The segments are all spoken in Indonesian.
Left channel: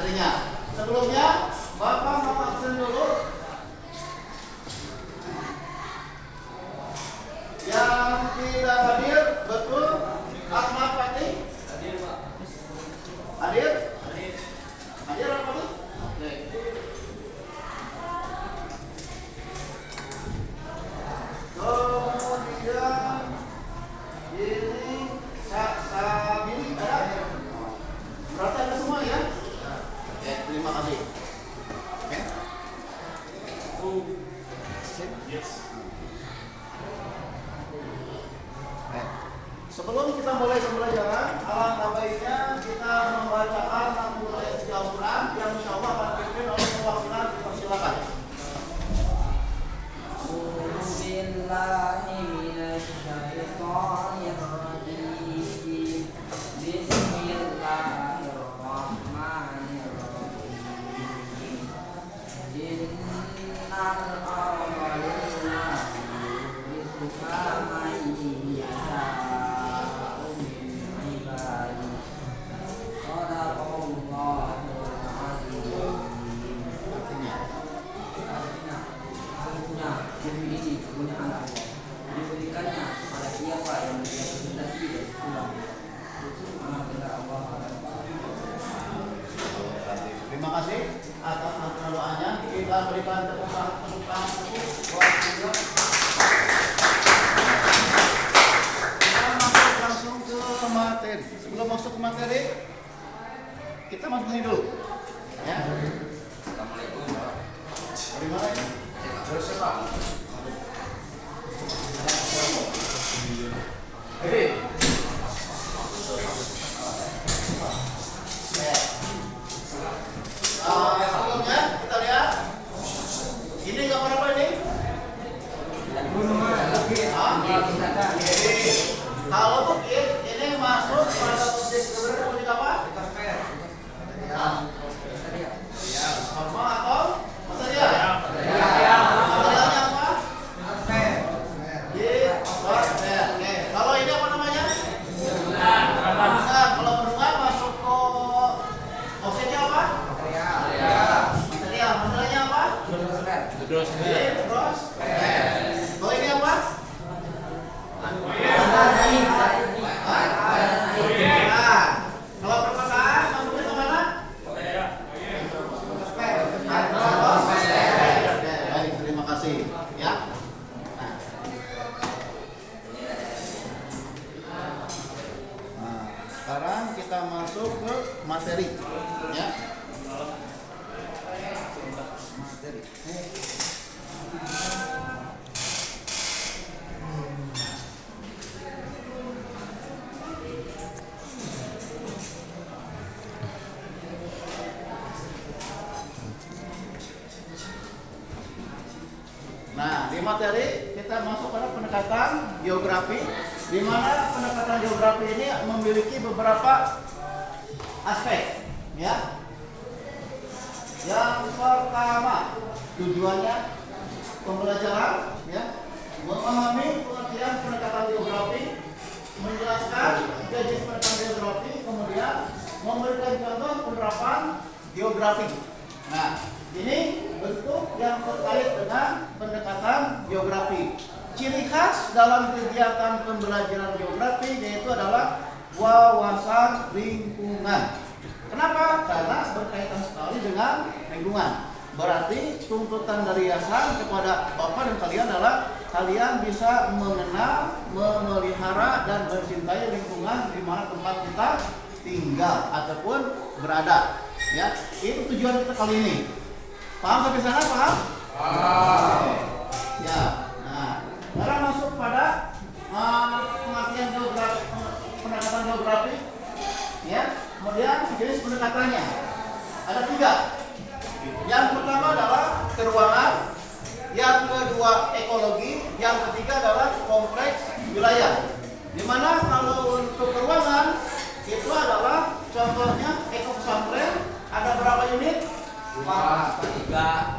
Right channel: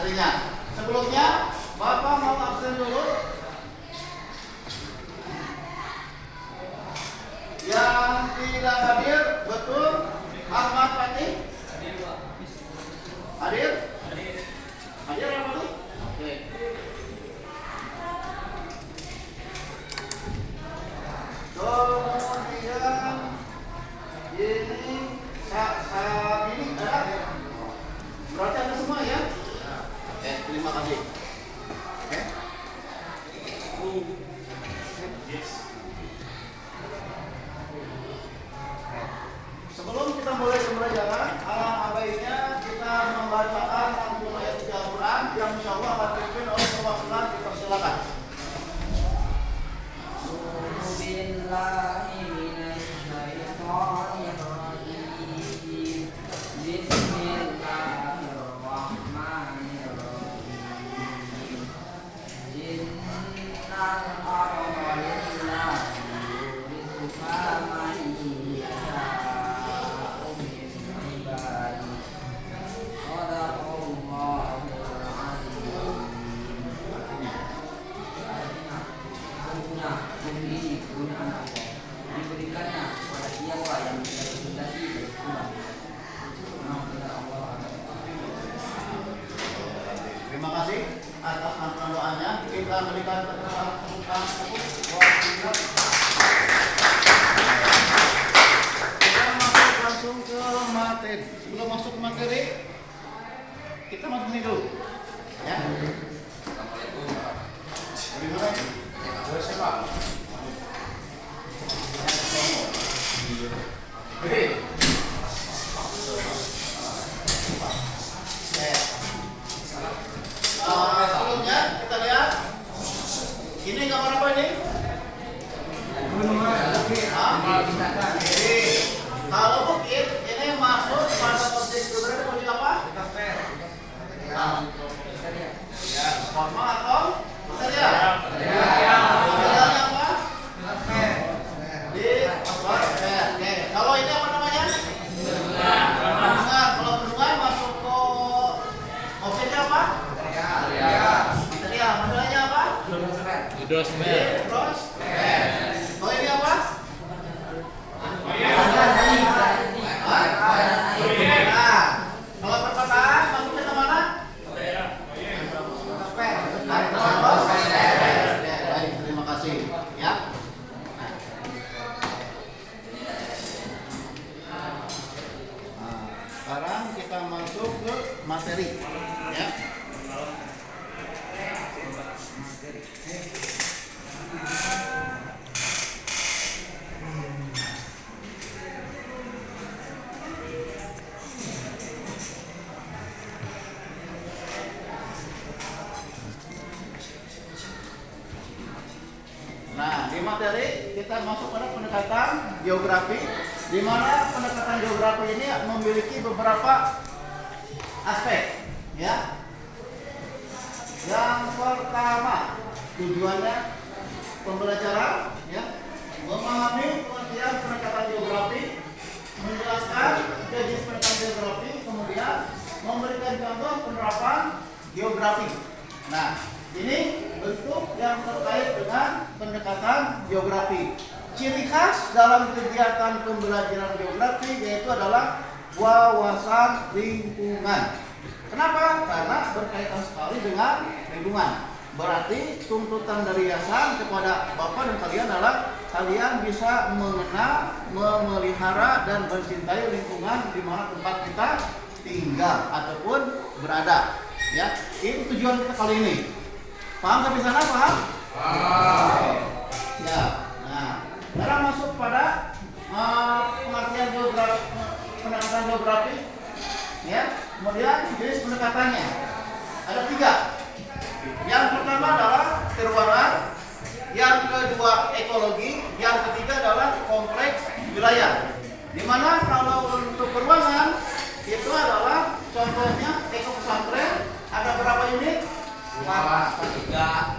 materinya. Sebelumnya, Bapak mau absen dulu. Yang tidak hadir, betul? Ahmad Fatih? Hadir? Hadir apa tuh? Oke. Kemudian ini saat ini ada. Berarti ada semua ya? Ya, terima kasih. Oke. Sebelum kita mulai pembelajaran, alangkah baiknya kita membacakan 60 ayat suci Al-Quran yang insya Allah akan dipimpin oleh perwakilan. Dipersilakan. Diberikannya kepada siapa yang dikehendaki dan pulang. Terima kasih atas bantuan doanya. Kita berikan tepuk tangan kita masuk langsung ke materi. Sebelum masuk ke materi, kita masuk ini dulu. Ya. Assalamualaikum. Dari mana ini? Dari siapa? Oke. Sebelumnya kita lihat ini gambar apa ini? Kalau bukit ini masuk pada objek sebenarnya objek apa? Formal atau material? Materialnya apa? Oke. Kalau ini apa namanya? Bendungan. Kalau bendungan masuk ke objeknya apa? Material. Materialnya apa? Terus. Kalau ini apa? Kalau perkotaan masuknya ke mana? Baik, terima kasih. Ya. Nah, sekarang kita masuk ke materi. Ya. Nah, di materi kita masuk pada pendekatan geografi, di mana pendekatan geografi ini memiliki beberapa aspek, ya. Yang pertama, tujuannya pembelajaran, ya, memahami pengertian pendekatan geografi, menjelaskan jenis pendekatan geografi, kemudian memberikan contoh penerapan geografi. Nah, ini bentuk yang terkait dengan pendekatan geografi. Ciri khas dalam kegiatan pembelajaran geografi yaitu adalah wawasan lingkungan. Kenapa? Karena berkaitan sekali dengan lingkungan. Berarti tuntutan dari yayasan kepada Bapak dan kalian adalah kalian bisa mengenal, memelihara dan mencintai lingkungan di mana tempat kita tinggal ataupun berada. Ya, ini tujuan kita kali ini. Paham sampai sana? Paham? Ya. Nah, sekarang masuk pada pengertian geografi, pendekatan geografi. Ya. Kemudian jenis pendekatannya ada 3. Yang pertama adalah keruangan, yang kedua ekologi, yang ketiga adalah kompleks wilayah. Dimana kalau untuk keruangan itu adalah contohnya eko pesantren ada berapa unit? 4 saja?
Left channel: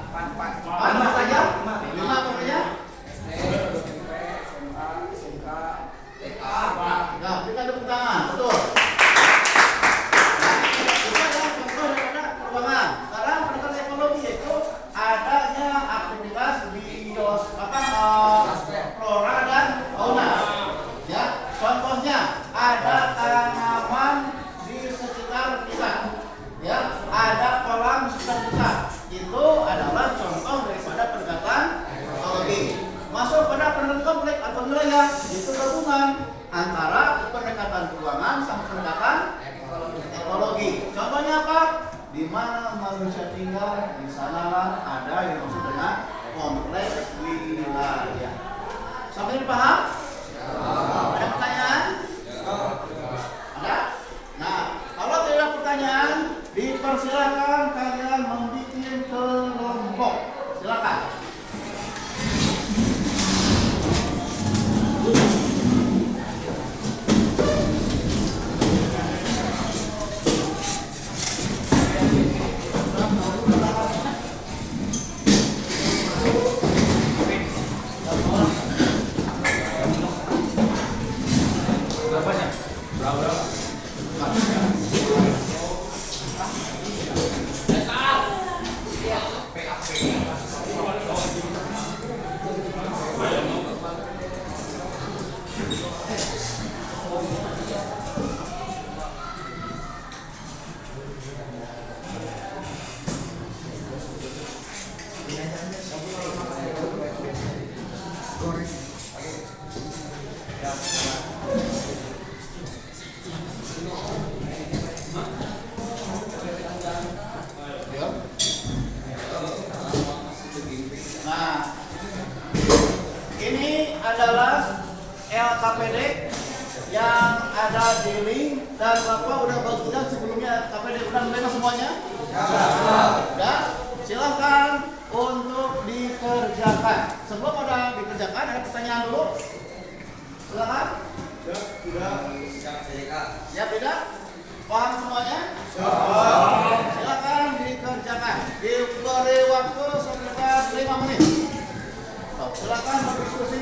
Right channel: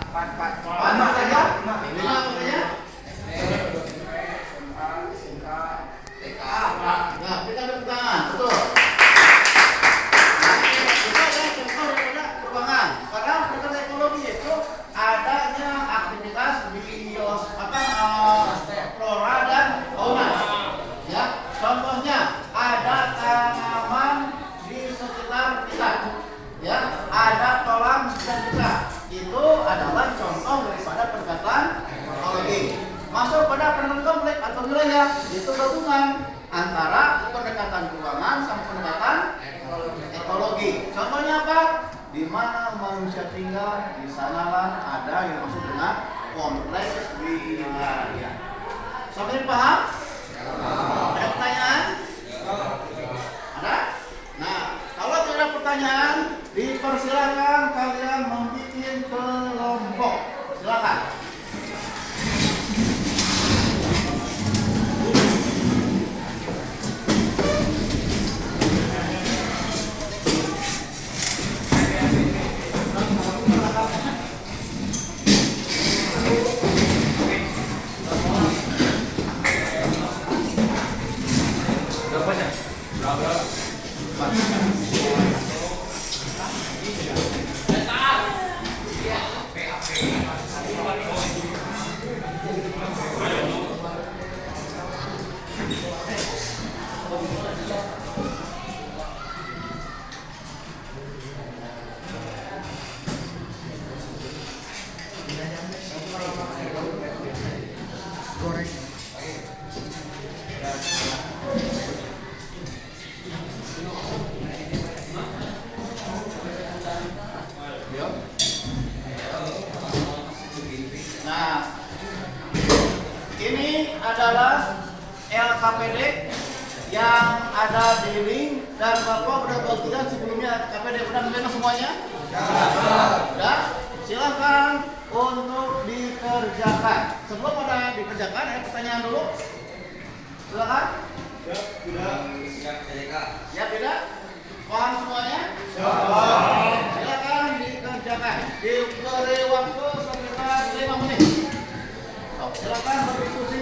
5 pokoknya? Ya, kita ada pegangan, betul. Nah, itu adalah contoh daripada masuk pada pendekatan kompleks atau wilayah, itu gabungan antara pendekatan keuangan sama pendekatan ekologi. Contohnya apa? Di mana manusia tinggal, di sanalah ada yang maksud dengan kompleks wilayah. Sampai paham? Ada pertanyaan? Ada? Nah, kalau tidak ada pertanyaan, dipersilakan kalian membuat kelompok. Silakan. Nah, ini adalah LKPD yang ada di link dan Bapak udah bagian sebelumnya LKPD udah menerima semuanya? Udah? Silahkan untuk dikerjakan. Sebelum ada dikerjakan, ada pertanyaan dulu. Silakan. Ya tidak? Paham semuanya? Silakan dikerjakan. Diberi waktu sekitar 5 menit. Silakan berdiskusi.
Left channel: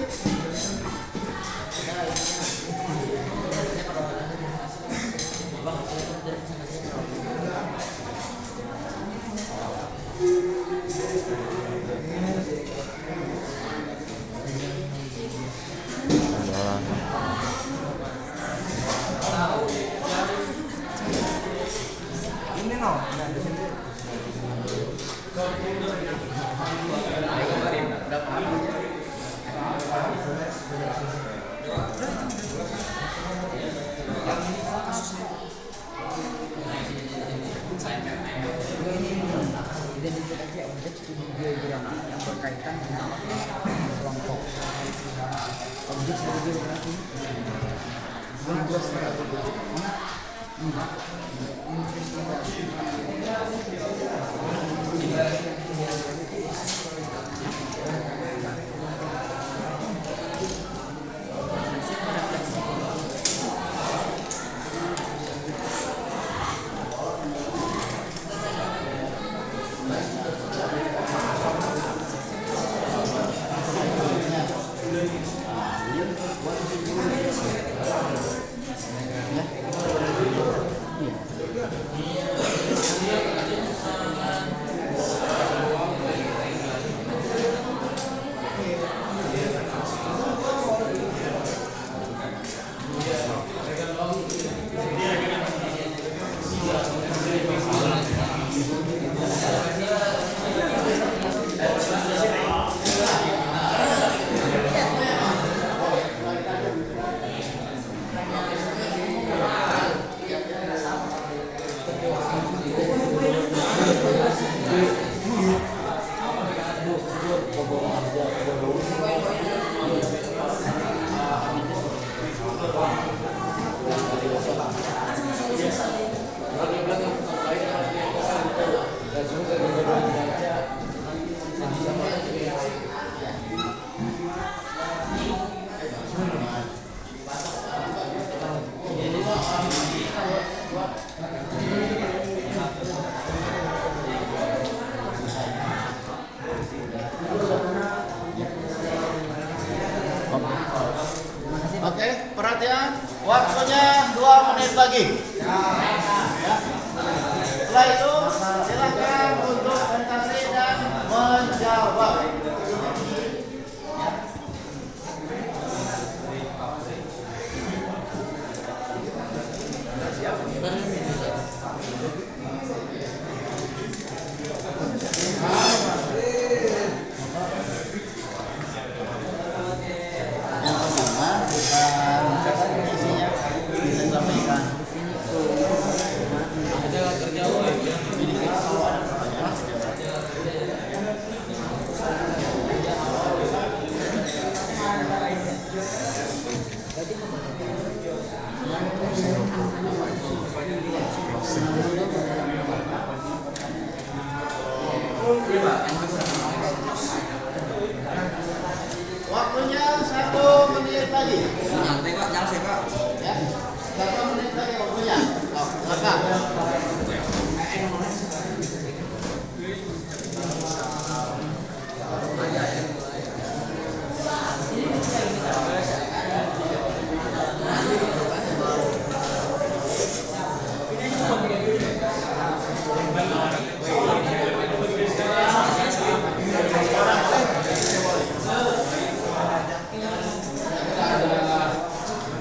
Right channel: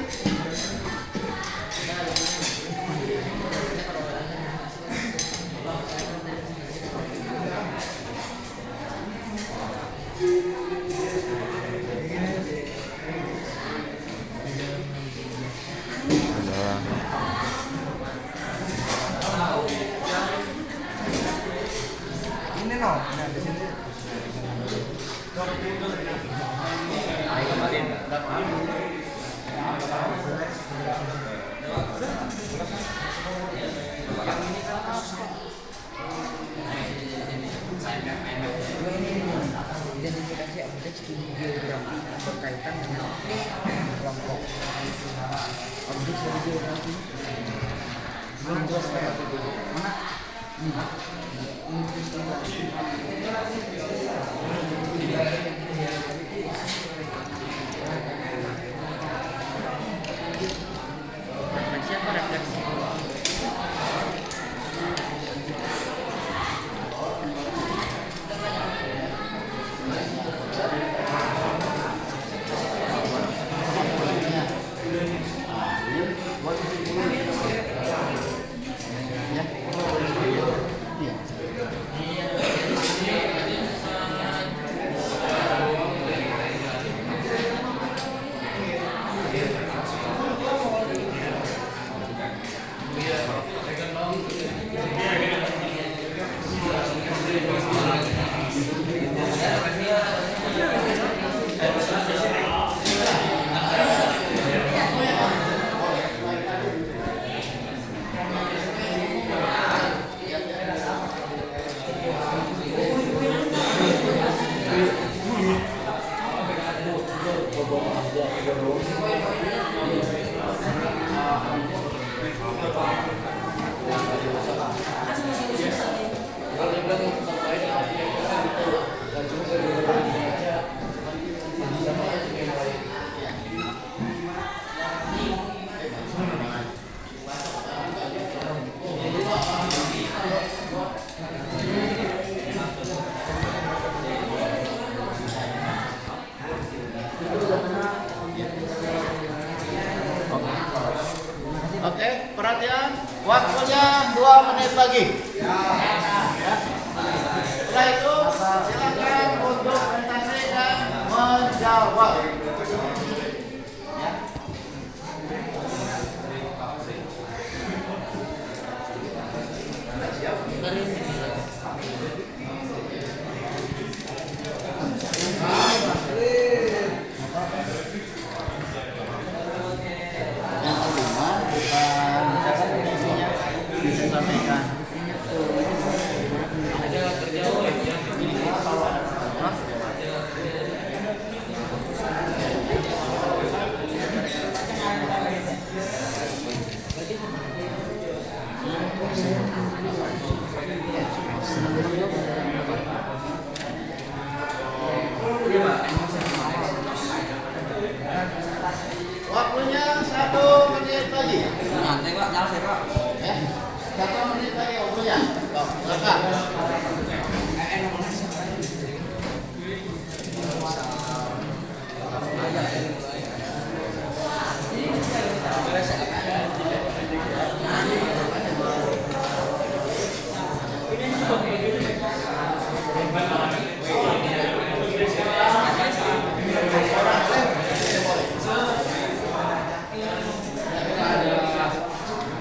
Identifikasi objek studi geografi berkaitan dengan kelompok objek studi geografi. Belum jelas mana? Oke, perhatian. Waktunya 2 menit lagi. Ya. Setelah itu silakan untuk mencari dan menjawab. Waktunya 1 menit lagi. Ya, 1 menit lagi waktunya. Silakan.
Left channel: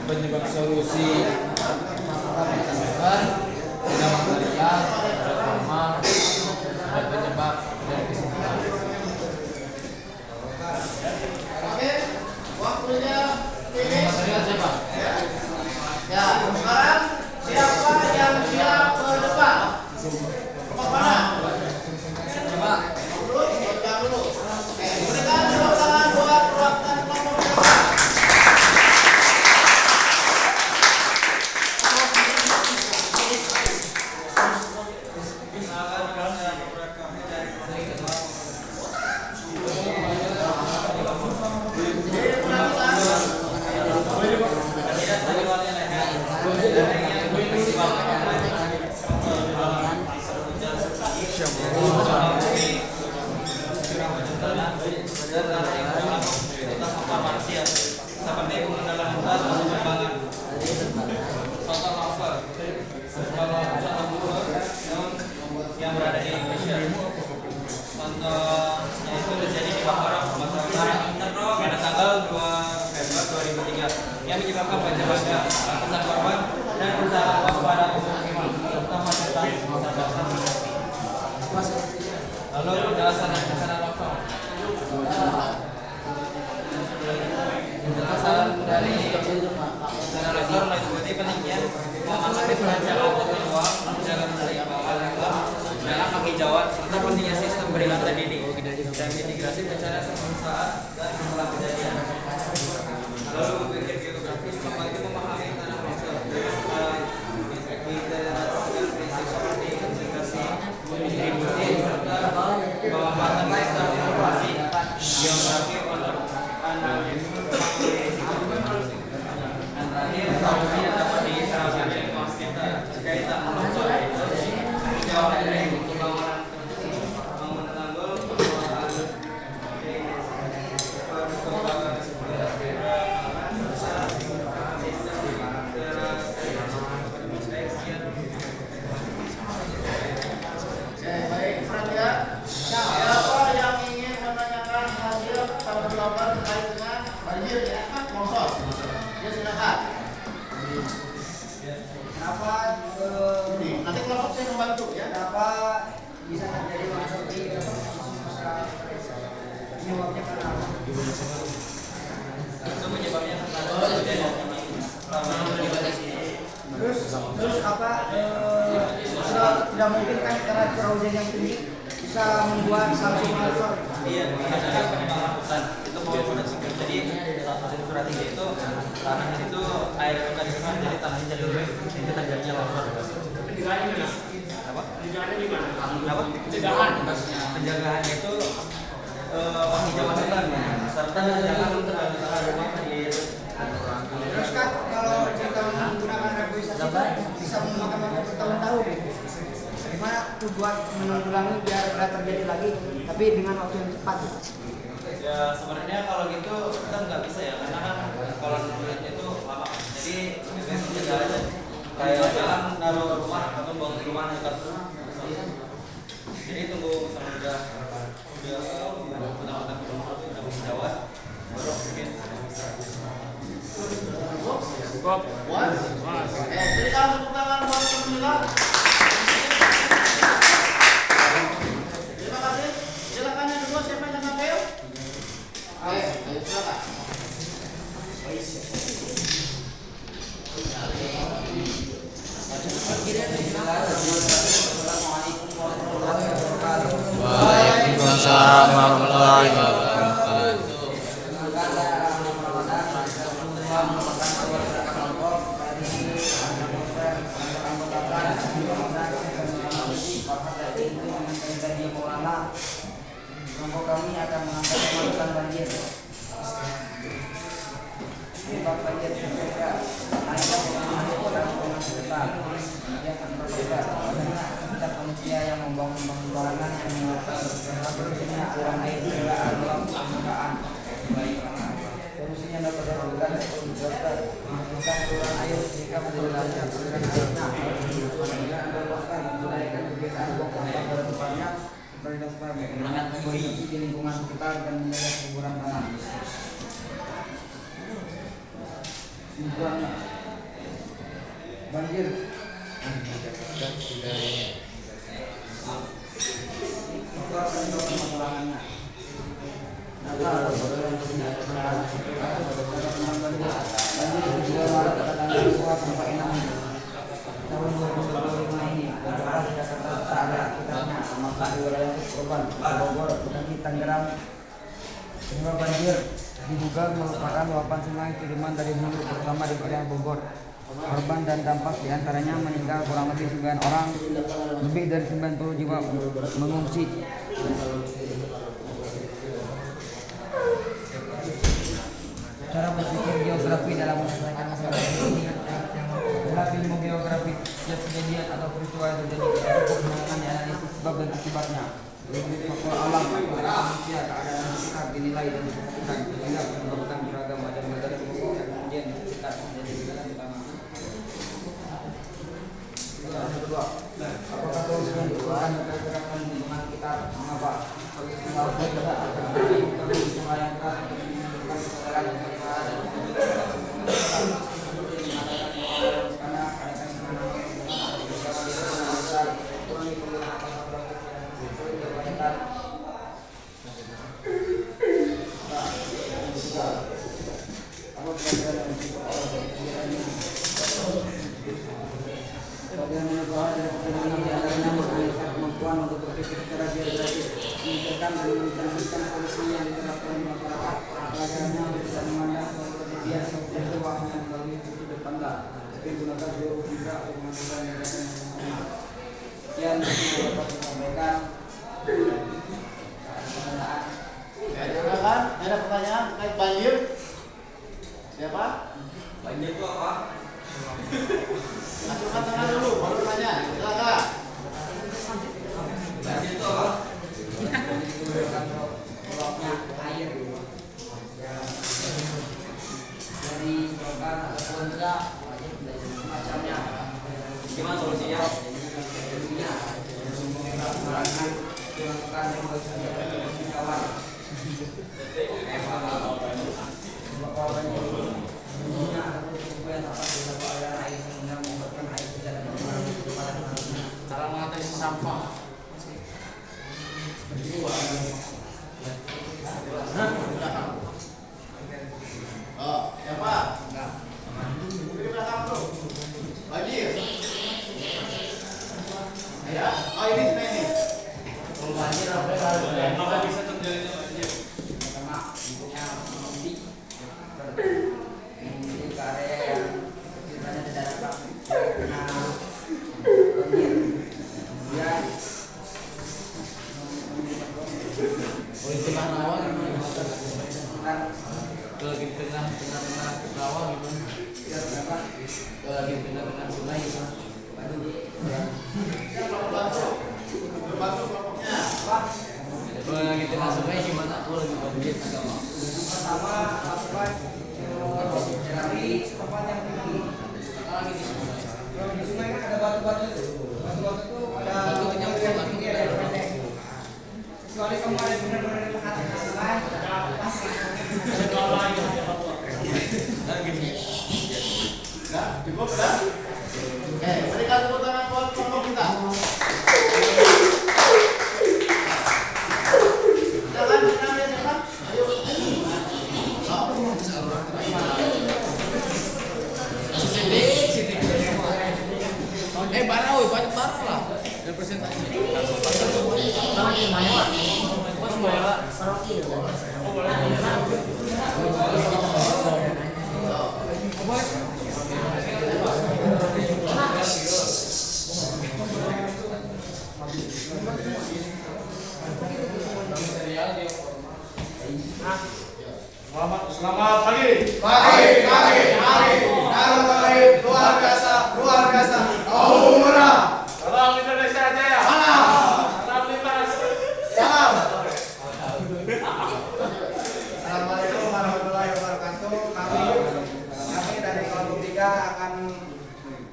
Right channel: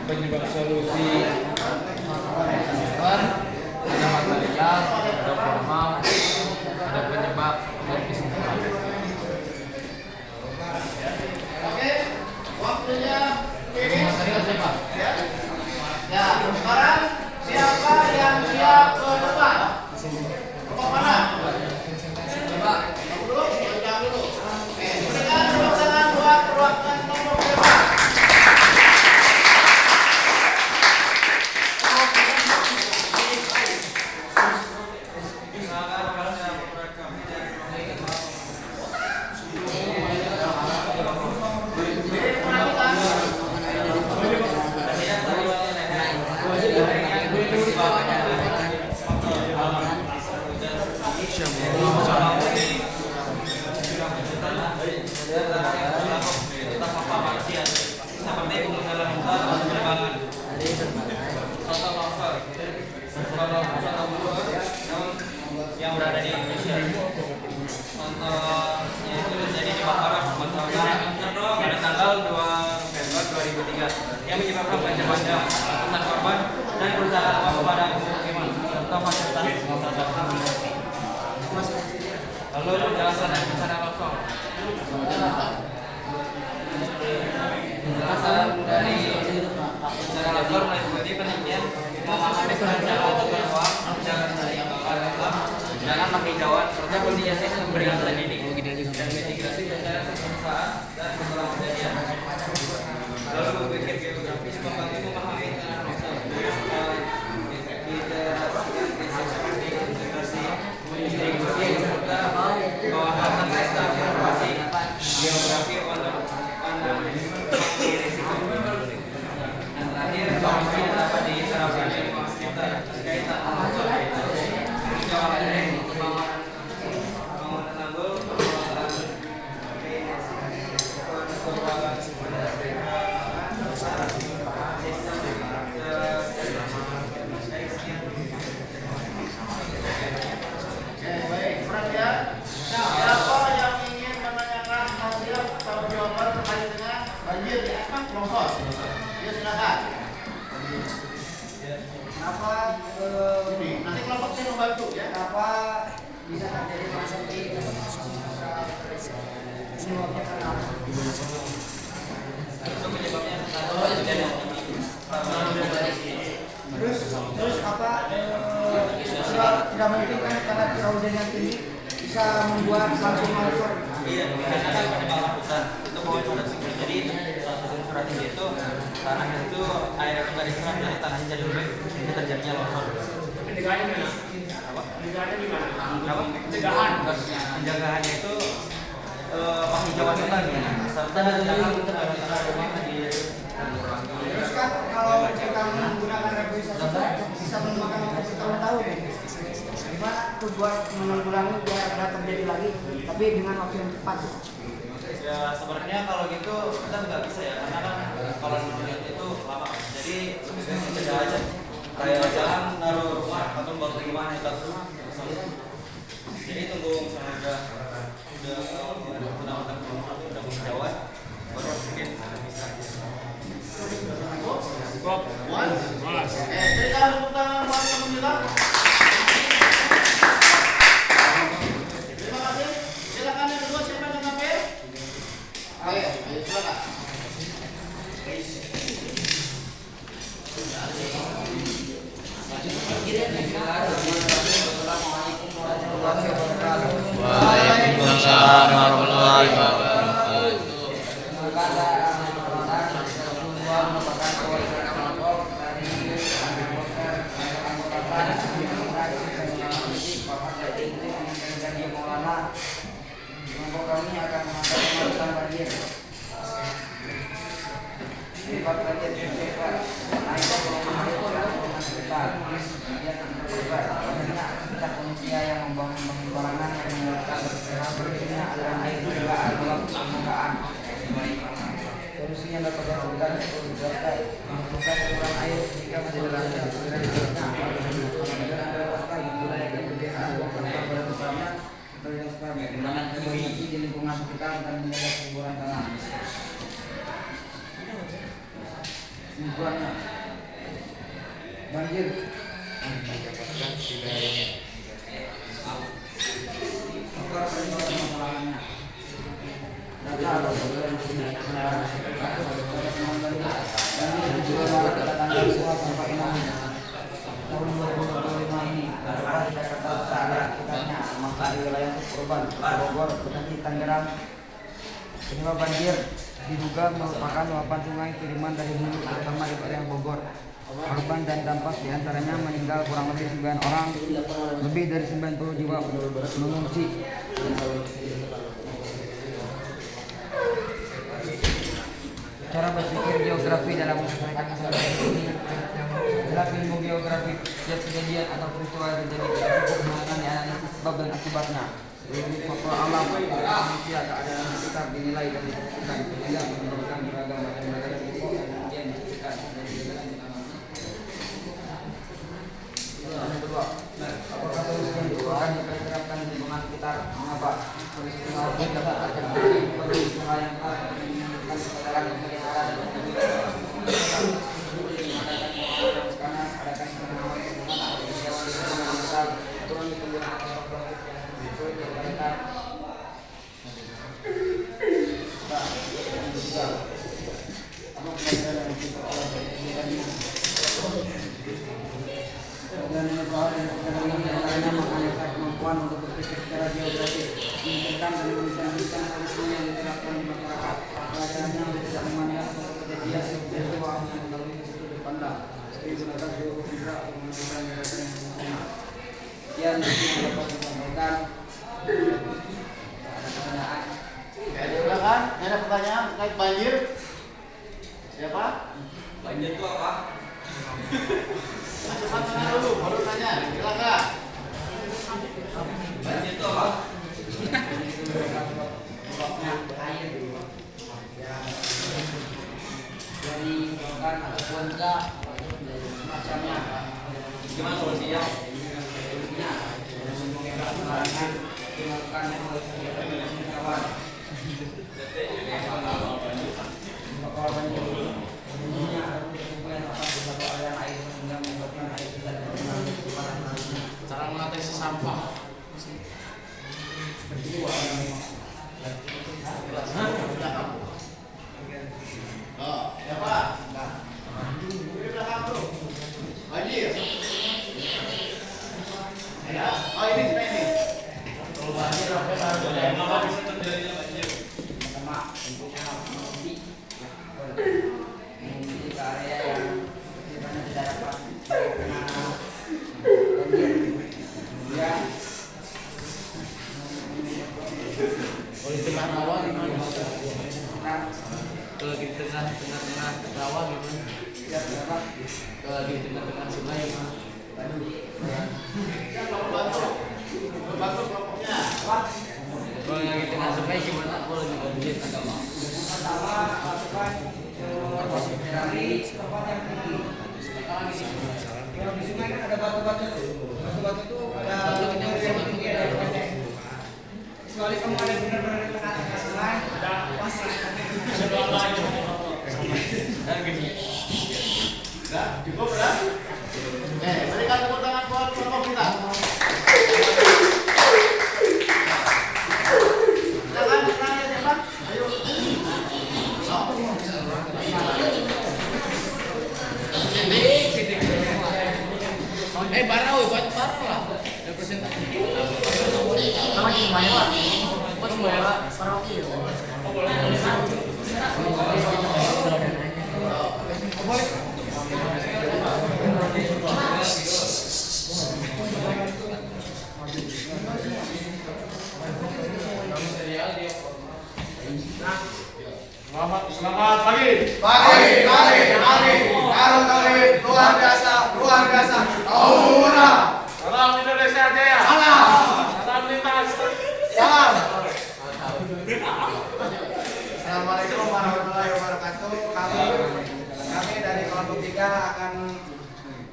Penyebab solusi ada material, ada formal, ada penyebab dan kesimpulan. Oke, waktunya finish. Material siapa? Ya, sekarang siapa yang siap ke depan? Kelompok mana? Dulu, jangan dulu. Oke, berikan tepuk tangan buat perwakilan kelompok depan. Seperti pengenalan hutan atau penerbangan. Contoh novel, kalau wisata buruh yang berada di Indonesia. Contohnya itu terjadi di Bakarak, Sumatera Utara pada tanggal 2 November 2003 yang menyebabkan banjir bandang, ratusan korban dan kerusakan waspada pemukiman serta fasilitas masyarakat. Lalu penjelasan dan rencana longsor. Penjelasan dari rencana longsor meliputi penelitian mengenai rencana tata ruang, jalan dari alam, dalam penghijauan serta pentingnya sistem peringatan dini, dan mitigasi bencana sebelum saat dan setelah kejadian. Lalu berpikir geografis membantu memahami tanah longsor, literasi seperti integrasi, distribusi serta pemanfaatan sistem informasi geografi dan terakhir solusi yang dapat diterapkan di lingkungan sekitar terkait tanah longsor yaitu penjauhan dari pembangunan tanggul, pengelolaan perkembangan Baik, perhatian. Siapa yang ingin menanyakan hasil perjawaban terkait dengan banjir di atas longsor? Ya, silakan. Kenapa Ini, nanti kelompok saya membantu ya. kenapa bisa terjadi longsor seperti itu? Penyebabnya karena apa? itu penyebabnya karena hujan yang tinggi. Terus apa tidak mungkin kan karena curah hujan yang tinggi bisa membuat langsung longsor. Iya, misalnya kan pengenalan hutan itu bawah produksi. Jadi saat musim curah tinggi itu tanahnya itu air itu tadi kan jadi tanahnya jadi lembek, itu terjadinya longsor. Pencegahannya gimana? Pencegahannya gimana? Pencegahannya itu penghijauan hutan ya, serta jangan tanah rumah di. Terus kan kalau kita menggunakan reboisasi itu bisa memakan waktu bertahun-tahun. Gimana tuh buat menanggulangi biar tidak terjadi lagi, tapi dengan waktu yang cepat. Ya sebenarnya kalau gitu kita nggak bisa ya, karena kan kalau nurut itu lama. Jadi lebih baik mencegah aja. Kayak jalan naruh rumah atau bangun rumah itu. Jadi tunggu misalnya udah mendapatkan udah kejauhan, baru bikin. Berikan tepuk tangan buat teman kita. Terima kasih. Silakan yang kedua, siapa yang ngambil? Ayo, silakan. Waalaikumsalam warahmatullahi wabarakatuh. Merupakan kewajiban kelompok dari anggota Kelompok kami akan mengangkat pemantauan banjir. Penyebab banjir PPK naiknya volume air dan volume sekitar. Kemudian antara korban tidak manusia yang membangun barangan yang menyebabkan berhentinya aliran air hingga kolam permukaan. Solusinya dapat dilakukan untuk menjelaskan saluran air jika masih berada aliran airnya. Apabila Anda lepaskan mulai dari kebiasaan buang sampah pada tempatnya, prioritaskan kondisi di lingkungan sekitar dan menjaga kesuburan tanah. Lingkungannya banjir. Faktor penyebab masalahnya. Banjir juga Maret pada tanggal 2 sampai 6 tahun 2025 ini terdapat di Jakarta searea sekitarnya, termasuk di wilayah korban Bogor, Bekasi, Tangerang. Penyebab banjir diduga merupakan luapan sungai kiriman dari hulu terutama di wilayah Bogor. Korban dan dampak diantaranya meninggal kurang lebih 9 orang, lebih dari 90 jiwa mengungsi. Cara berpikir geografi dalam menyelesaikan masalah ini adalah ilmu geografi. Setiap kejadian atau peristiwa yang terjadi cukup menggunakan analisis sebab dan akibatnya. Dari faktor alam, manusia, keadaan sekitar dinilai dan diperhatikan sehingga menimbulkan beragam macam negara dan kemudian di sekitar menjadi jalan utama. Yang kedua, apakah solusi yang diperkirakan lingkungan sekitar mengapa? Solusi laut besar akan perlu sungai yang keras untuk menimbulkan kesadaran dan penyegaran dan karena ada penanaman hubungan dengan besar turun penggunaan sampah perbaikan. Apa pelajaran yang didapat dari kegiatan ini? Program ini bahwa diantaranya menganalisa kemampuan untuk berpikir secara geografis, memikirkan dan mencerminkan solusi yang diterapkan di masyarakat. Pelajarannya tidak memandang suatu kejadian dan coba melalui sudut pandang, tapi gunakan geografika untuk menentukan gagasan yang sempurna. Sekian yang dapat disampaikan. Pertanyaan. Silakan, ada pertanyaan terkait banjir? Siapa? Banjir itu apa? Angkat tangan dulu, baru tanya. Silakan. Banjir itu apa? Air dari bukan ataupun enggak semacamnya. Gimana solusinya? Dilakukan kawan. Supaya dapat dibawa aliran air sehingga menyebabkan air tidak dapat mengalir kepada tanah. Cara mengatasi sampah. Oh, siapa? Di belakang bro. Banjir. Ya, oh ini. Kalau banjir apa yang harus dilakukan? Kenapa bisa terjadinya banjir? Pertama, tentunya mengungsi ke area yang sifatnya tidak dapat terkena banjir. Kemudian Di tengah rawa gimana? kan Kalau di tengah rawa gimana? tidak dapat Kalau di tengah sungai gimana? baju ya. Bantu kelompoknya. Kalau di tengah sungai gimana? Kalau di banjir. Pertama, lakukan dari tempat yang tinggi. Kalau di sungai kan ada batu-batu tuh. Batu-batu itu ada yang tinggi ada yang pendek. Kecuali kamu ada benar-benar di tengah-tengah sungai, Dan gini. Enggak, cukup kan? Oke, berikan tepuk tangan buat kelompok kita. Silakan ya siapa? Ayo. Banyak lah. Representasi. Sama di mana? Wah, semuanya paroki. Luar biasa, luar biasa. Aura. Salam Indonesia Jaya. Salam lintas. Salam. Assalamualaikum warahmatullahi wabarakatuh. Kami dari kelompok 3 akan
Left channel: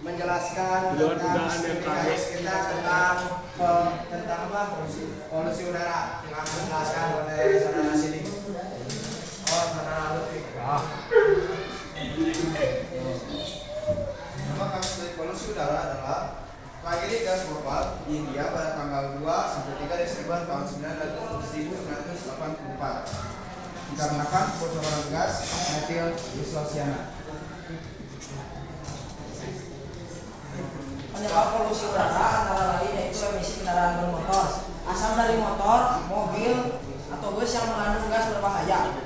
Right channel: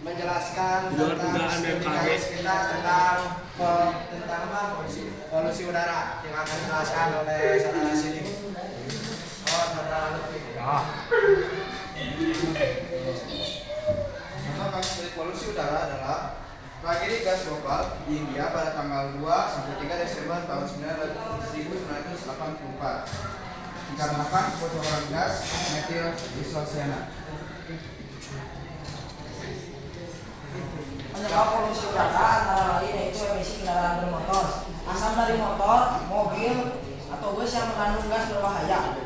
menjelaskan tentang studi kita tentang apa? Polusi udara yang akan dijelaskan oleh saudara sini. Oh, saudara Lutfi. Nama kasus polusi udara adalah tragedi gas global di India pada tanggal 2 sampai 3 Desember tahun 1984 dikarenakan kebocoran gas metil isocyanat. Penyebab polusi udara antara lain yaitu emisi kendaraan bermotor, asap dari motor, mobil, atau bus yang mengandung gas berbahaya.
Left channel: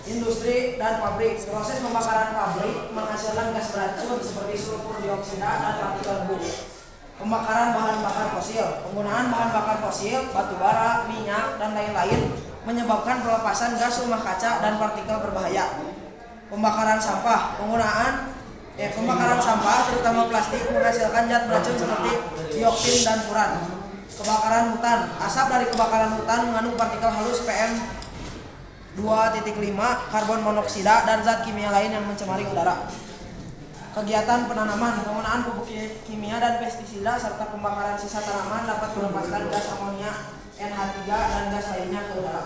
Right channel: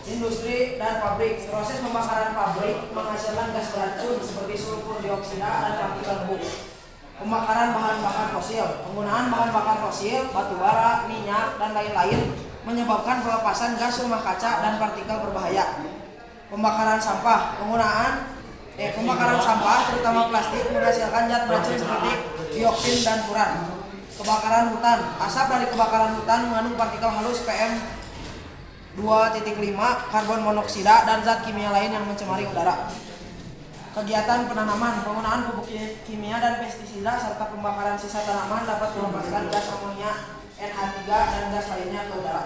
Industri dan pabrik, proses pembakaran pabrik menghasilkan gas beracun seperti sulfur dioksida dan partikel debu. Pembakaran bahan bakar fosil, penggunaan bahan bakar fosil, batu bara, minyak, dan lain-lain menyebabkan pelepasan gas rumah kaca dan partikel berbahaya. Pembakaran sampah, pembakaran sampah terutama plastik menghasilkan zat beracun seperti dioksin dan furan. Kebakaran hutan, asap dari kebakaran hutan mengandung partikel halus PM2.5, karbon monoksida, dan zat kimia lain yang mencemari udara. Kegiatan penanaman, penggunaan pupuk kimia dan pestisida serta pembakaran sisa tanaman dapat melepaskan gas amonia, NH3, dan gas lainnya ke udara.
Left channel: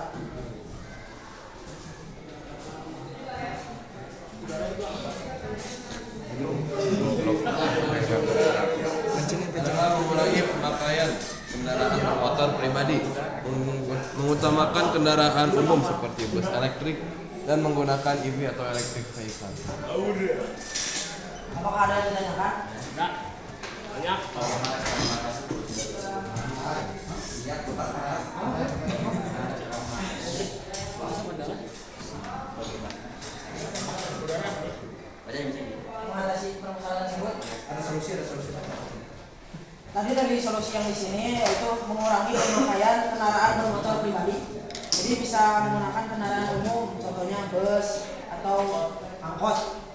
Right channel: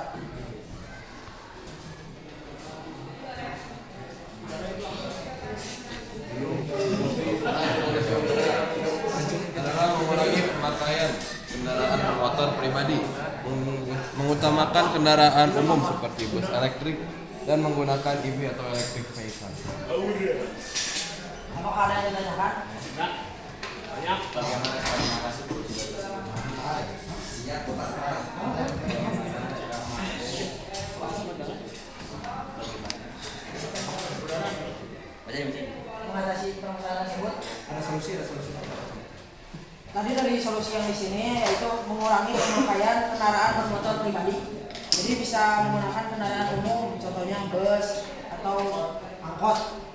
Adalah mengurangi pemakaian kendaraan bermotor pribadi, mengutamakan kendaraan umum seperti bus elektrik dan menggunakan EV atau electric vehicle. Apakah ada yang ditanyakan? Bagaimana cara mengatasi polusi udara? Mengatasi permasalahan tersebut? Ada solusi. Tadi dari solusi yang di sini yaitu mengurangi pemakaian kendaraan bermotor pribadi. Jadi bisa menggunakan kendaraan umum, contohnya bus atau angkot.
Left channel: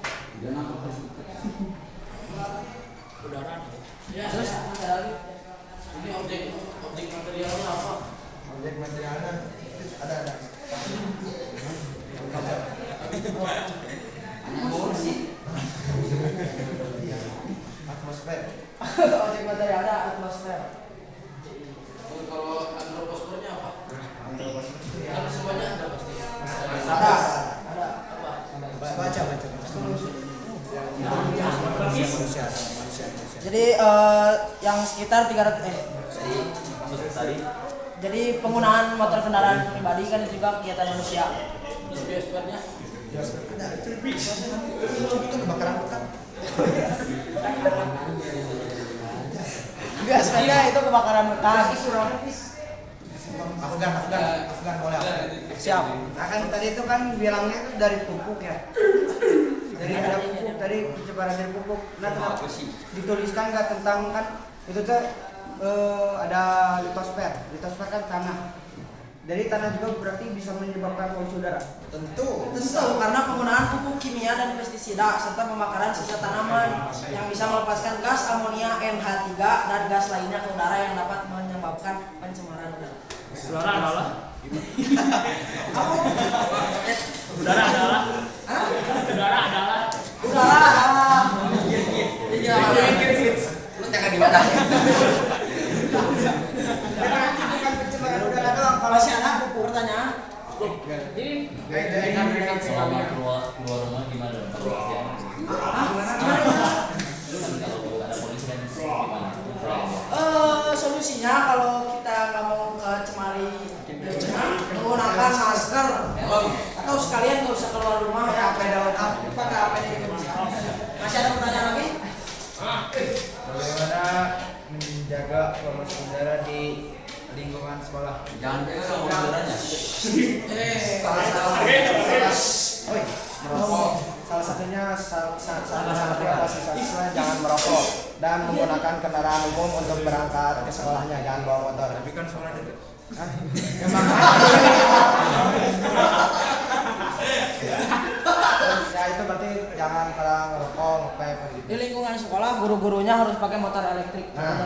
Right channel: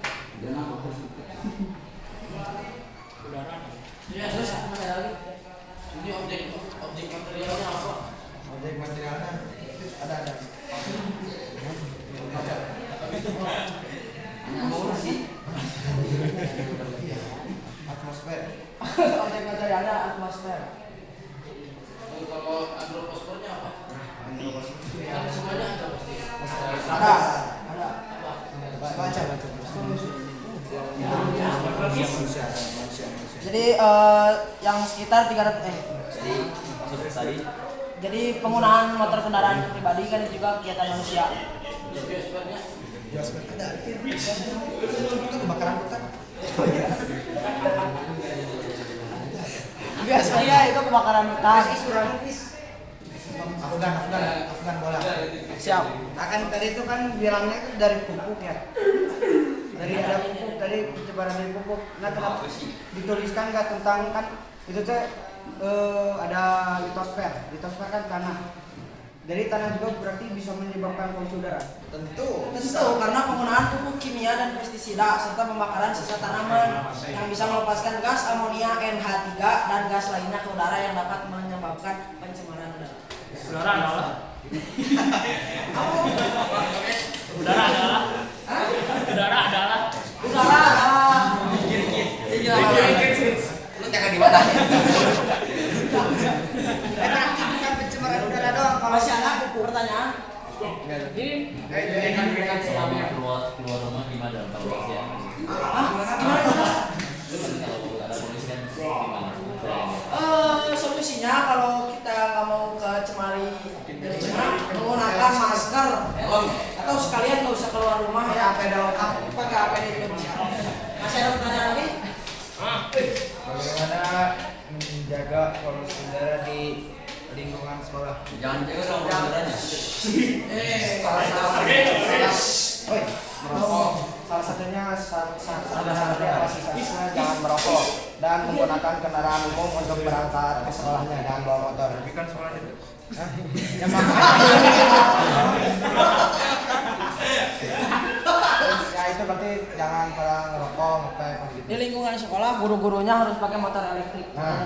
Terus apa lagi? Ini objek materialnya apa? Objek materialnya ada. Atmosfer. Objek materialnya atmosfer. Kalau antroposfernya apa? Antroposfer ya. Kalau semuanya ada pasti. Ada. Baca. Manusia. Jadi yang sekitar 300 Maksud tadi Jadi penggunaan motor kendaraan pribadi kan juga kegiatan manusia. Biosfernya Itu kebakaran hutan. Biasanya itu kebakaran hutan. Afgan bola. Siap. Akan tadi itu kan bilangnya itu dari pupuk ya. Dari ada pupuk tadi pencemaran dari pupuk. Nah kenapa dituliskan nggak tentang kan itu tuh ada litosfer. Litosfer kan tanah. Dari tanah juga berarti bisa menyebabkan polusi udara. Tentu. Karena penggunaan pupuk kimia dan pestisida serta pembakaran sisa tanaman yang bisa melepaskan gas amonia, NH3, dan gas lainnya ke udara yang dapat menyebabkan pencemaran udara. Udara adalah. Udara adalah. Iya. lu jangan di mana? Bukan pencemaran udara doang. Kalau masih ada pertanyaan? selama keluar rumah gimana kalau kasihan? Gimana itu? Kan kalau ada polisi kan gimana? Solusinya kalau kita nggak mau kecemari dirinya, menggunakan masker atau sekalian nggak usah keluar rumah ya, pakai APD juga bisa. Masih ada pertanyaan lagi? Bagaimana menjaga polusi udara di lingkungan sekolah? Jangan juga dong udaranya. Salah satunya siswa jangan merokok dan menggunakan kendaraan umum untuk berangkat ke sekolahnya, jangan bawa motor. Tapi kan sekolah itu. Ya makanya. berarti jangan pada ngerokok, ngepep gitu. Di lingkungan sekolah guru-gurunya harus pakai motor elektrik. Nah.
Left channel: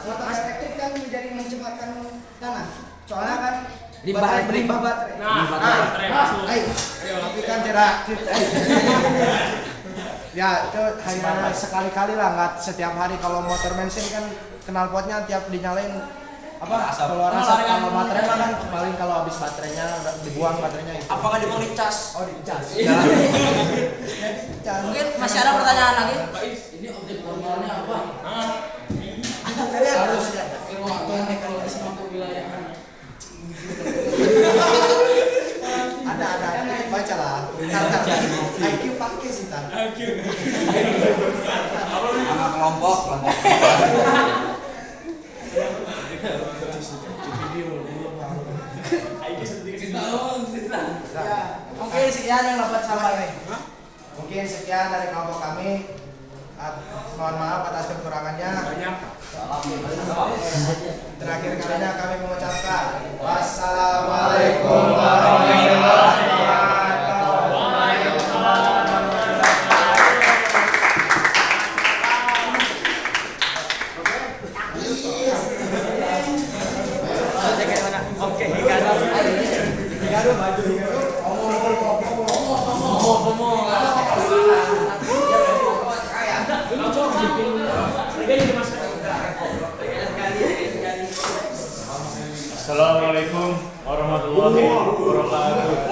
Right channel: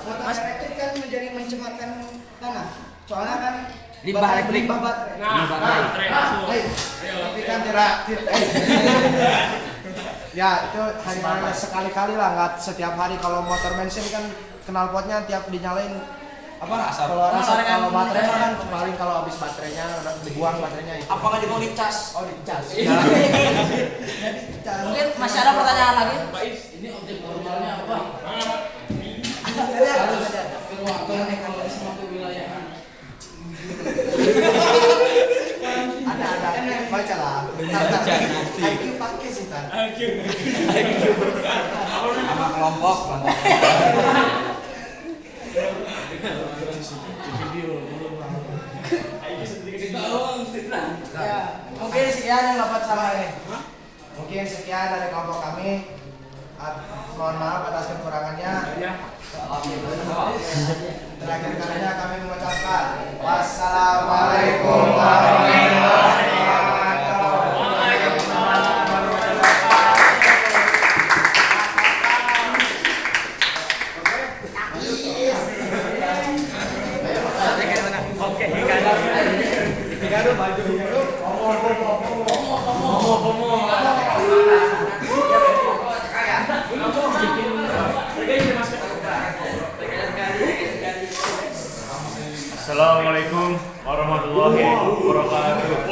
Motor elektrik kan menjadi mencemarkan tanah. Soalnya kan Limbah baterai. Nah, baterai masuk. Tapi kan tidak. Ya itu hanya sekali-kali lah, nggak setiap hari. Kalau motor bensin kan knalpotnya tiap dinyalain keluar asap. Kalau baterai mah kan paling kalau habis baterainya udah dibuang baterainya itu. Apakah dia mau dicas? Oh dicas. Iya. Mungkin masih ada pertanyaan lagi? Ini objek formalnya apa? Harus Ke ruang kalau semua kewilayahan. ada baca lah. IQ pakai sih kan. Sama kelompok. Mungkin sekian yang dapat sampaikan. Mungkin sekian dari kelompok kami. Mohon maaf atas kekurangannya. Terakhir kalinya kami mengucapkan wassalamualaikum warahmatullahi Assalamualaikum warahmatullahi wabarakatuh.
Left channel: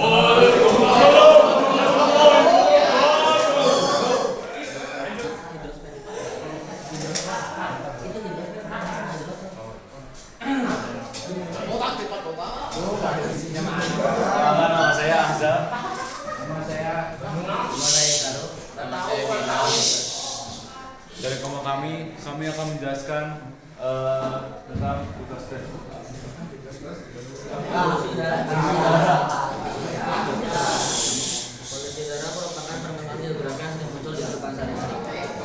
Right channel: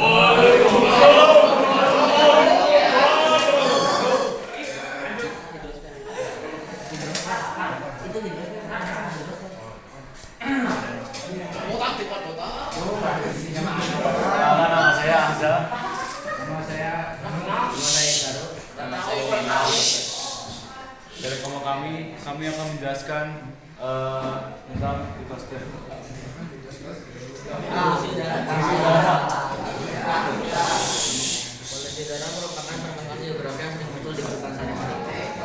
Nama saya Hamza. Nama saya Taruh. Nama saya Wina. Dari kelompok kami akan menjelaskan tentang tugas tes. Polusi udara merupakan fenomena geografi yang sering muncul di kehidupan sehari-hari.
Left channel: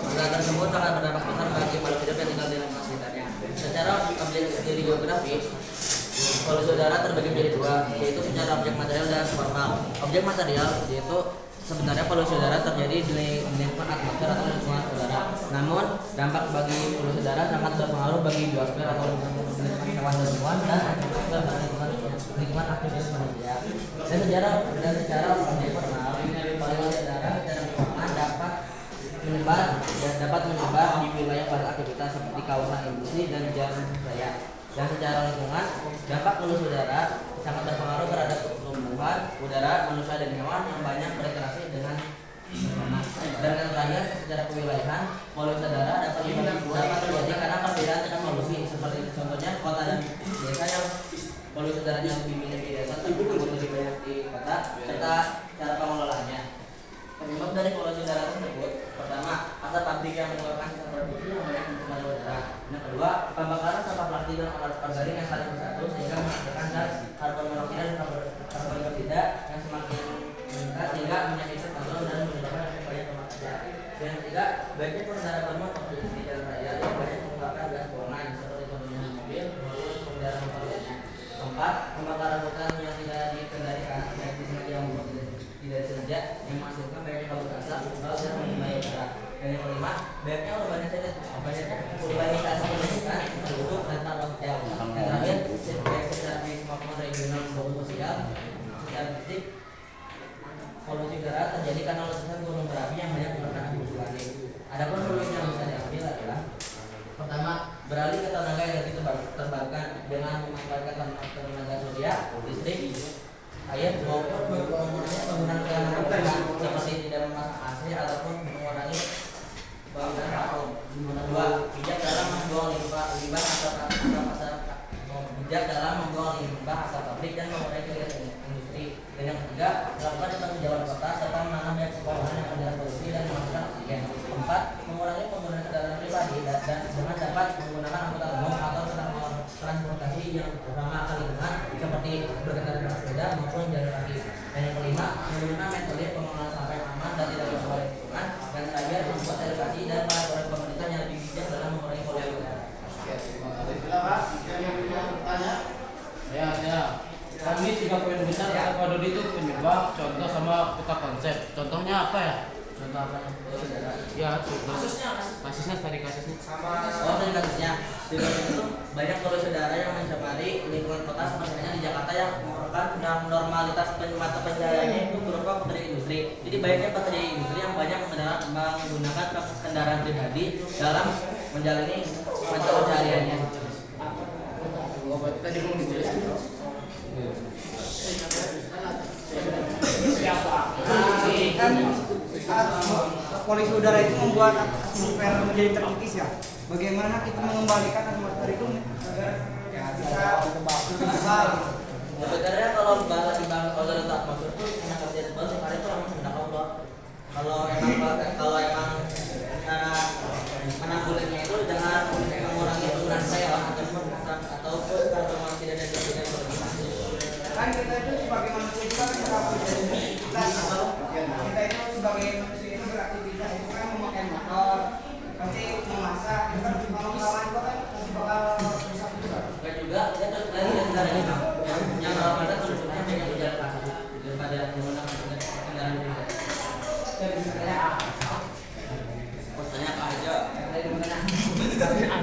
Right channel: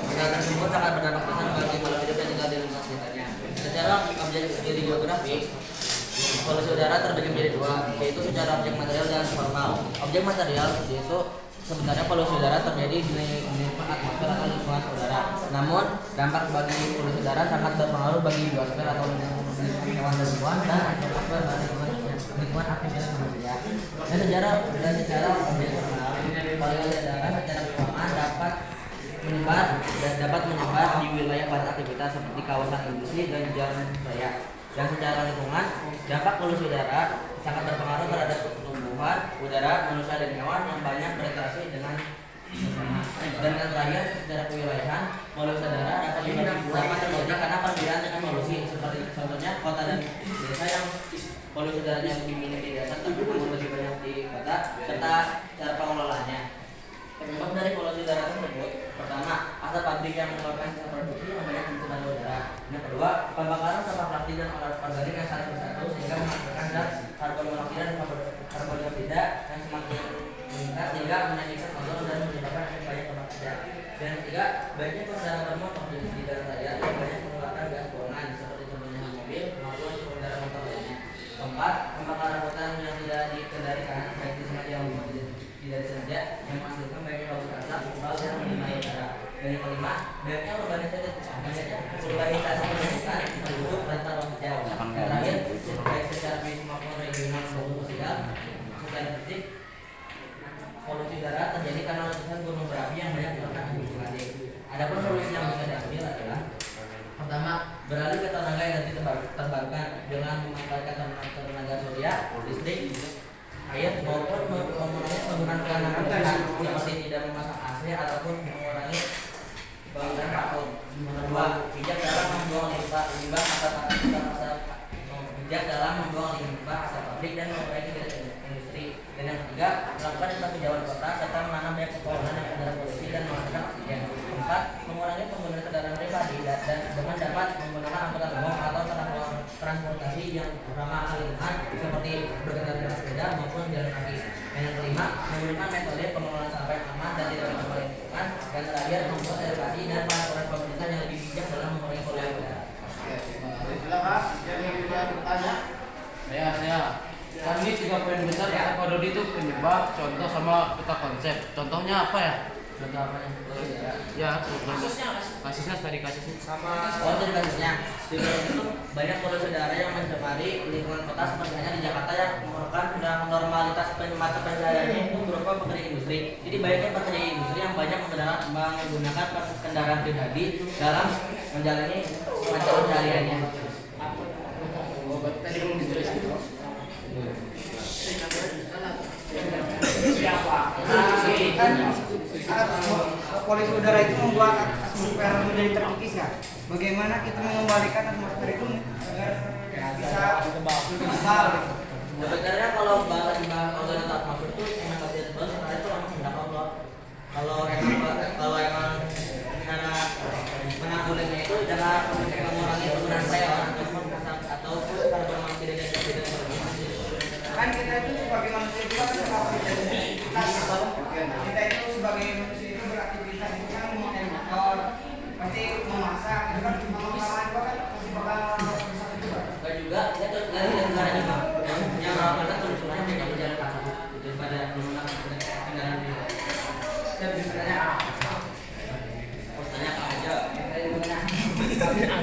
Masalah tersebut sangat berdampak besar bagi makhluk hidup yang tinggal di lingkungan sekitarnya. Secara objek geografi, polusi udara terbagi menjadi dua, yaitu secara objek material dan formal. Objek material yaitu sebenarnya polusi udara terjadi di lingkungan atmosfer atau lingkungan udara. Namun, dampak bagi polusi udara sangat berpengaruh bagi biosfer atau lingkungan hewan dan tumbuhan dan atmosfer dan lingkungan aktivitas manusia. Dan secara objek formal, polusi udara secara formal dapat menyebar di wilayah padat aktivitas seperti kawasan industri dan jalan raya. Yang secara lingkungan, dampak polusi udara sangat berpengaruh terhadap pertumbuhan udara manusia dan hewan yang banyak berinteraksi dengan dan terakhir secara kewilayahan, polusi udara dapat terjadi karena perbedaan dengan polusi seperti contohnya kota dan desa yang polusi udaranya lebih minim di desa namun lebih banyak di kota serta cara pengelolaannya. Penyebab dari polusi udara tersebut, pertama, asap pabrik yang mengeluarkan zat produksi yang banyak mencemari udara. Yang kedua, pembakaran sampah plastik dan alat organik yang saling bersatu sehingga menghasilkan zat karbon monoksida dan karbon dioksida yang semakin meningkat sehingga menyakitkan ozon dan menyebabkan efek banyak rumah kaca. Dan yang ketiga, banyak kendaraan motor di jalan raya yang banyak mengeluarkan gas buangan seperti contohnya mobil maupun kendaraan motor lainnya. Keempat, pembakaran hutan yang tidak dikendalikan dan disengaja tidak disengaja yang menghasilkan banyak kabut asap tebal dan menyemai udara. Dan yang kelima, banyaknya urbanisasi pendidikan terbentuk rentan waktu. Yang terakhir, baik secara fisik maupun regional maupun sosial, secara fisik polusi udara terjadi karena letusan gunung berapi yang banyak menyebabkan emisi plastik. Adapun solusi yang bisa diambil adalah pertama, beralih ke tenaga energi terbarukan dengan memanfaatkan tenaga surya, listrik, air maupun mengurangi penggunaan penggunaan seperti tidak memasang AC ataupun mengurangi penggunaan vakum. Kedua, bijak dalam membuang limbah asap pabrik dan mengurangi kegiatan industri. Dan yang ketiga, melakukan penghijauan kota serta menanam banyak pohon yang menyerap polusi dan menghasilkan oksigen. Keempat, mengurangi penggunaan kendaraan pribadi dan dengan dapat menggunakan angkutan umum atau transportasi yang ramah lingkungan seperti berkendara dengan sepeda maupun jalan kaki. Dan yang kelima, menggunakan metode pengelolaan sampah yang aman dan tidak merusak lingkungan. Dan terakhir, membuat edukasi dan pelaporan pemerintah yang lebih bijak dalam mengurangi polusi udara. Silakan, jadi yang bertanya. Saya. Kan ini 3 poin besar apa Dodi itu penyebab, contoh sama kita konsep. Contohnya apa ya? Contoh apanya? Ya, kasusnya tadi kasusnya. Oh, dari kasusnya. Di Medan itu banyak saudara yang mencemari lingkungan kota sebenarnya di Jakarta yang merupakan normalitas mata pencahariannya itu berupa pekerja industri. Jadi banyaknya pekerja industri yang banyak menggunakan kendaraan pribadi dalam menjalani mata pencahariannya. Tadi belum dijelaskan. Kan polusi udara itu membuat atmosfer menjadi terkikis ya. Bagaimana kita mengembalikan atmosfer itu agar bisa kembali? Sebenarnya kalau bahas organ atau atmosfer itu memang harus diatur sebenarnya itu memang kehendak Allah. Kalau emang menanggulannya itu jangan mengurangi penggunaan saya ataupun kalau memang tidak ada tidak Kan kita itu sebagai manusia kita kan beraktivitas. Kita itu sebagai manusia itu beraktivitas itu kan memakai motor, pasti memasak, itu kan kawan-kawan itu kan pasti bakal rusak juga. dan juga ya terus lagi dan sebenarnya bang yang kalau ada tujuannya hanya berjalan kaki daripada menggunakan kendaraan pribadi. Dan sebenarnya pertanyaan aja bagaimana cara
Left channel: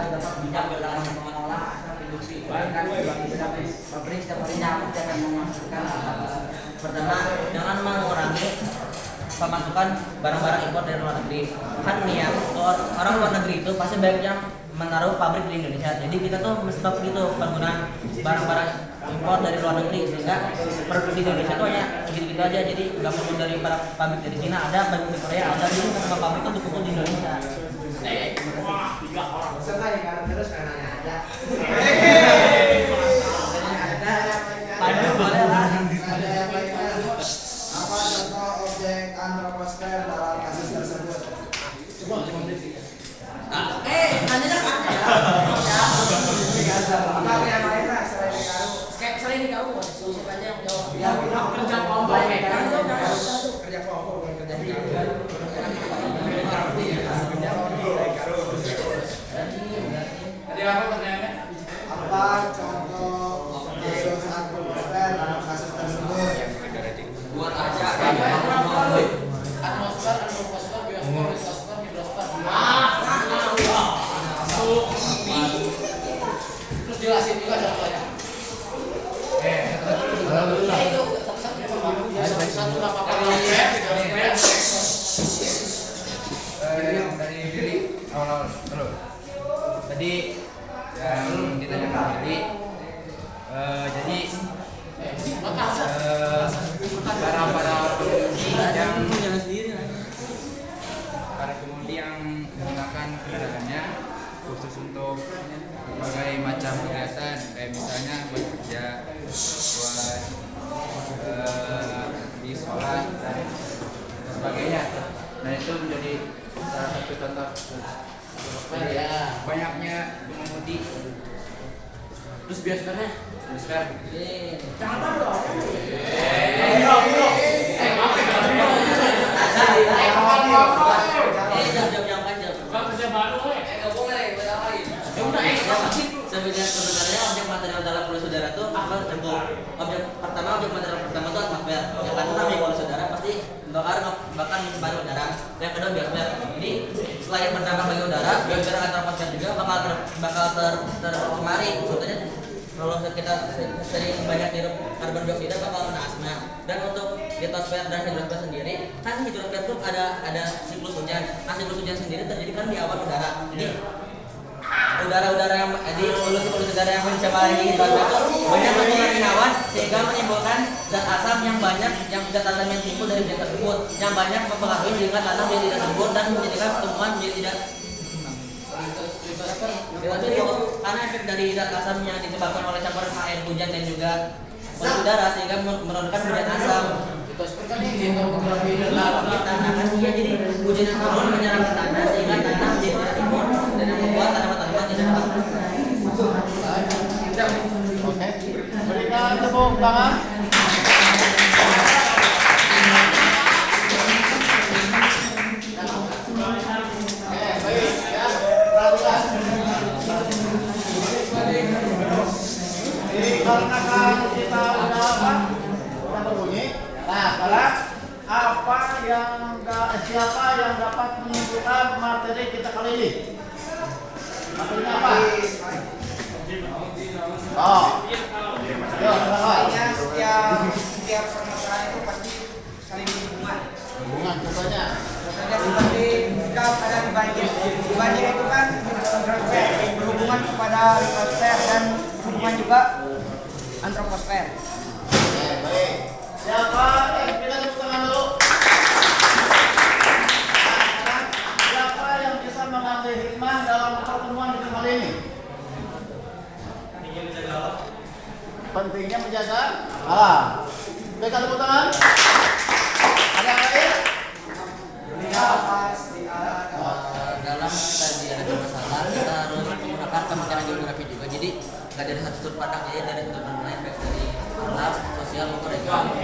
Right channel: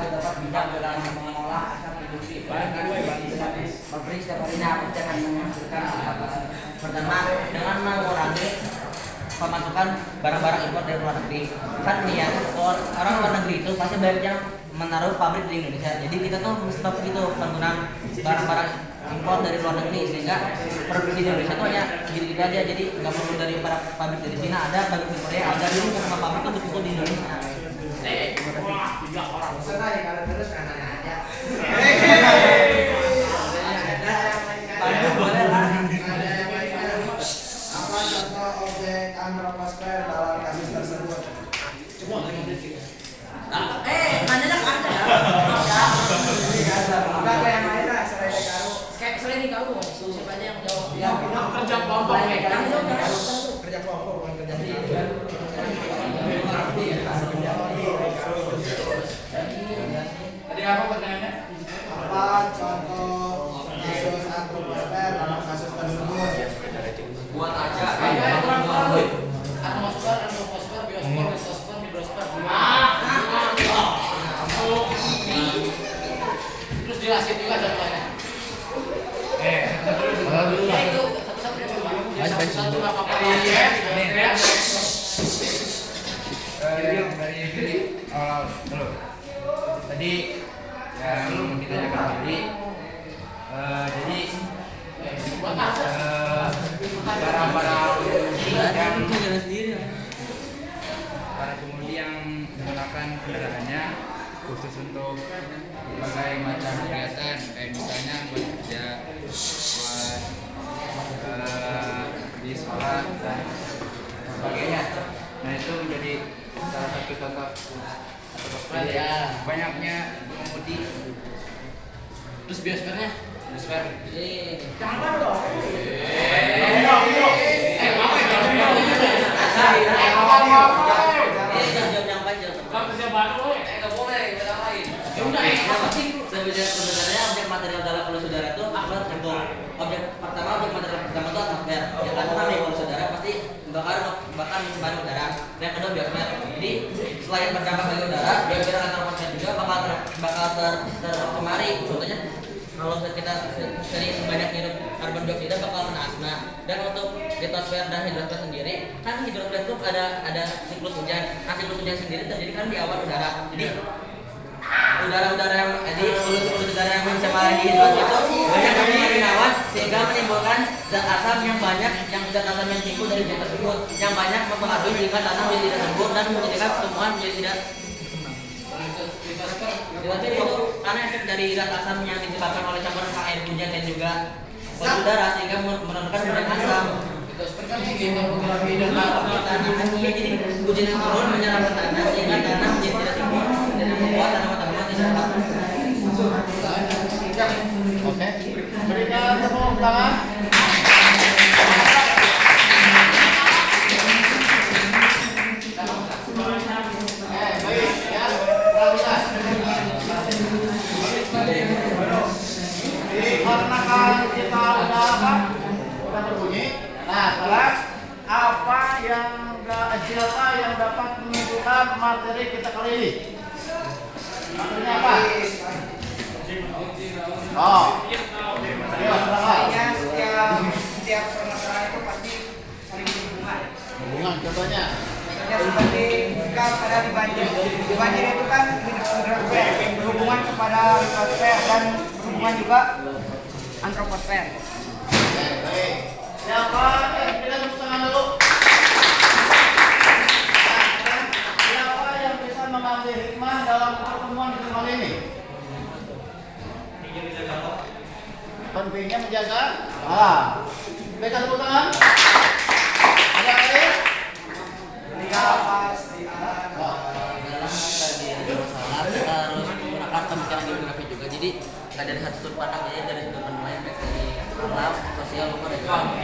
untuk dapat bijak dalam mengolah asam industri kan yang di dalam pabrik setiap harinya pasti akan menghasilkan apa pertama dengan mengurangi pemasukan barang-barang impor dari luar negeri. Kan nih ya orang luar negeri itu pasti banyak yang menaruh pabrik di Indonesia. Jadi kita tuh stop gitu penggunaan barang-barang impor dari luar negeri sehingga produksi di Indonesia tuh hanya gitu-gitu aja. Jadi nggak perlu dari para pabrik dari Cina ada, pabrik di Korea ada, jadi semua pabrik tuh betul di Indonesia. Selesai kalau terus kanannya aja. Apa contoh objek atmosfer dalam kasus tersebut? Nanya kan Enggak kayak Maira selain kamu. selain di kamu siapa aja yang jawab? Ya, Kerja kelompok. kerja kelompok bukan kerja Tadi apa pertanyaannya? Apa contoh kasus atmosfer dalam kasus tersebut? Buat aja. Terus jelasin juga contohnya. Dari Billy awal dulu. Tadi yang kita jaga jadi barang-barang yang para pengemudi yang menggunakan kendaraannya khusus untuk berbagai macam kegiatan kayak misalnya bekerja, buat di sekolah dan sebagainya. Nah itu menjadi salah satu contoh banyaknya pengemudi. Terus biosfernya? Biosfer. Jangan dong. Jam panjang. Enggak boleh, sebenarnya objek material dalam polusi udara itu tergantung. Objek material pertama itu atmosfer. Yang pertama nih polusi udara pasti bakar mencemari udara. Yang kedua biosfer. Jadi selain berdampak bagi udara, biosfer atau atmosfer juga bakal tercemari. Contohnya kalau kita sering banyak hirup karbon dioksida bakal kena asma. Dan untuk litosfer dan hidrosfer sendiri, kan hidrosfer itu ada siklus hujan. Nah siklus hujan sendiri terjadi kan di awal udara. Jadi udara-udara yang polusi udara yang mencemari hidrosfer itu banyak mempengaruhi awan sehingga menimbulkan zat asam yang banyak, yang zat asam yang timbul dari zat tersebut yang banyak mempengaruhi sehingga tanah menjadi tidak subur dan menjadikan tumbuhan menjadi tidak. Itu karena efek dari zat asam yang disebabkan oleh campuran air hujan dan juga polusi udara sehingga menurunkan hujan asam. Tanah jadi hujan turun menyerap tanah sehingga tanah menjadi tidak subur dan membuat tanaman-tanaman tidak dapat. Oke. Berikan tepuk tangan. Baik ya. Perhatikan. Dikarenakan kita udah siapa yang dapat menunjukkan materi kita kali ini? Materinya apa? Oh, ya silakan. Setiap permasalahan itu pasti saling berhubungan. Hubungan contohnya. Contohnya seperti jika ada di banjir. Di banjir itu kan hidrosfer berhubungan kepada litosfer dan berhubungan juga antroposfer. Oke, baik. Siapa yang berikan tepuk tangan dulu? Siapa yang bisa mengambil hikmah dalam pertemuan kita kali ini? Pentingnya menjaga alam. Berikan tepuk tangan. Ada yang lain? Dalam kita ada masalah kita harus menggunakan pemikiran geografi juga, jadi nggak dari satu sudut pandang aja, dari sudut pandang lain, baik dari alam, sosial maupun ekonomi.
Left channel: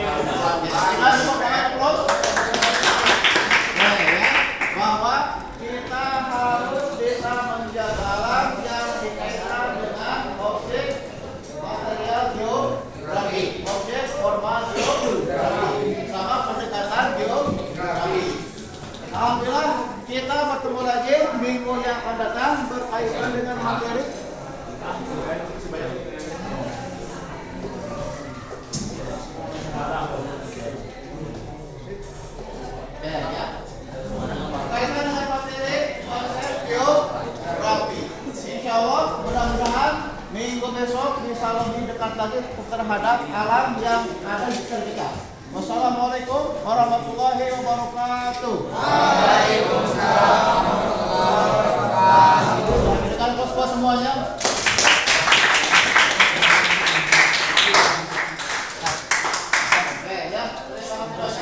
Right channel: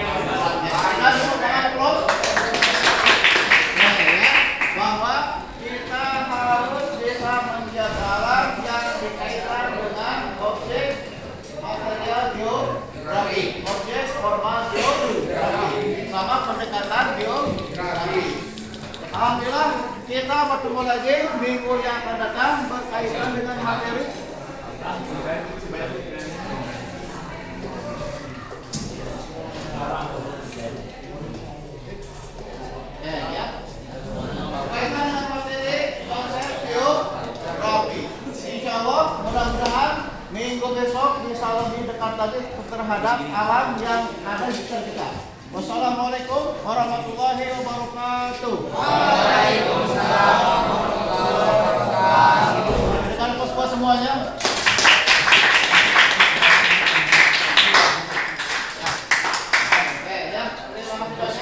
Bahwa kita harus bisa menjaga alam yang dikaitkan dengan objek material geografi, objek formal geografi, sama pendekatan geografi. Alhamdulillah kita bertemu lagi minggu yang akan datang berkaitan dengan materi berkaitan dengan materi konsep geografi. Insya Allah mudah-mudahan minggu besok bisa lebih dekat lagi terhadap alam yang ada di sekitar kita. Wassalamualaikum warahmatullahi wabarakatuh.